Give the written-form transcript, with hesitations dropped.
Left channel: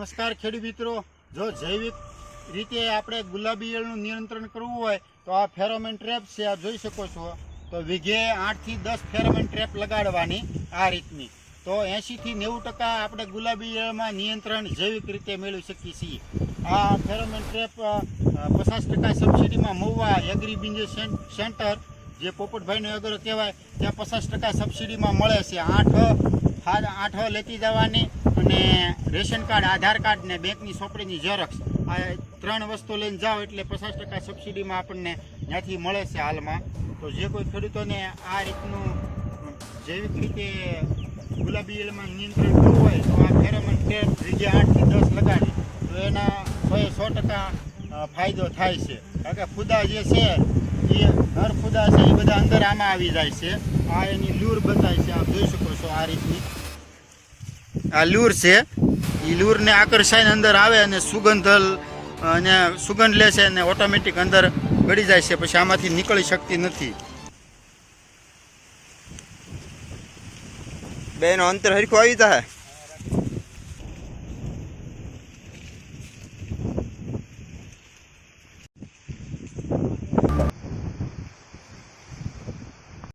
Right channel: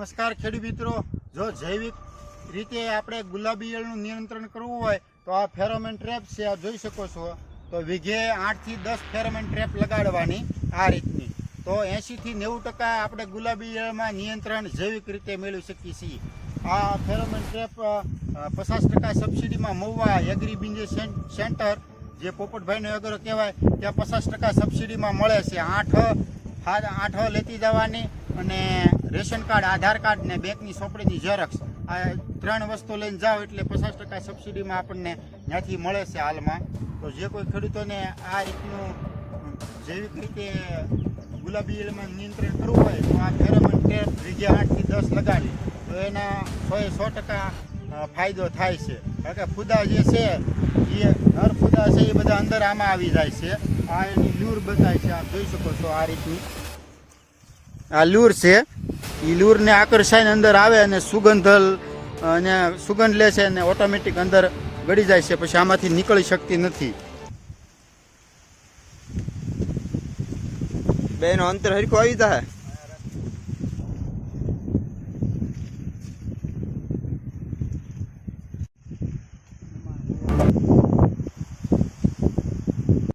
નમસ્કાર ખેડૂત મિત્રો, જો જૈવિક રીતે આપણે ગુલાબી ઈયળનું નિયંત્રણ કરવું હોય તો આ ફેરોમેન ટ્રેપ છે, આ જોઈ શકો છો. તો વીઘે 8 થી 10 ફેરોમેન ટ્રેપ લગાડવાની આ રીતની. તો 80 થી 90% આપણે ગુલાબી ઈયળમાં નિયંત્રણ જૈવિક રીતે મેળવી શકીએ છીએ. આ ફેરોમેન ટ્રેપ 50% સબસિડીમાં મહુવા એગ્રી બિઝનેસ સેન્ટર, જે પોપટભાઈનો એગ્રો કહેવાય, ત્યાં 50% સબસિડીમાં મળે છે. 8 લેતી જવાની અને રેશન કાર્ડ, આધાર કાર્ડ ને બેંકની ચોપડીની ઝેરોક્ષ, આ 3 વસ્તુ લઈને જાઓ એટલે 50% સબસિડીમાં આપણને ત્યાંથી મળે છે હાલમાં. તો જે કોઈ ખેડૂતોને આ રીતનું જૈવિક રીતે ગુલાબી ઈયળમાં નિયંત્રણ કરવું હોય તો આ ફેરોમેન ટ્રેપ વીઘે 8 થી 10 લગાડી તો એના 100% ફાયદો થાય છે. કારણ કે ફૂદા જે છે એ નર ફૂદા છે એ બધા અંદર આમાં આવી જાય છે. આ એની લૂર બતાય છે, આપ જોઈ શકો છો. આ રીતની આ લૂર છે, એ લૂરને આકર્ષાઈને અંદર આવે અને સુગંધ લે છે અને ઓટોમેટિક અંદર ગળી જાય છે, પછી આમાંથી નીકળી શકતી નથી. બેનો અંતર હરખું આવી જાય.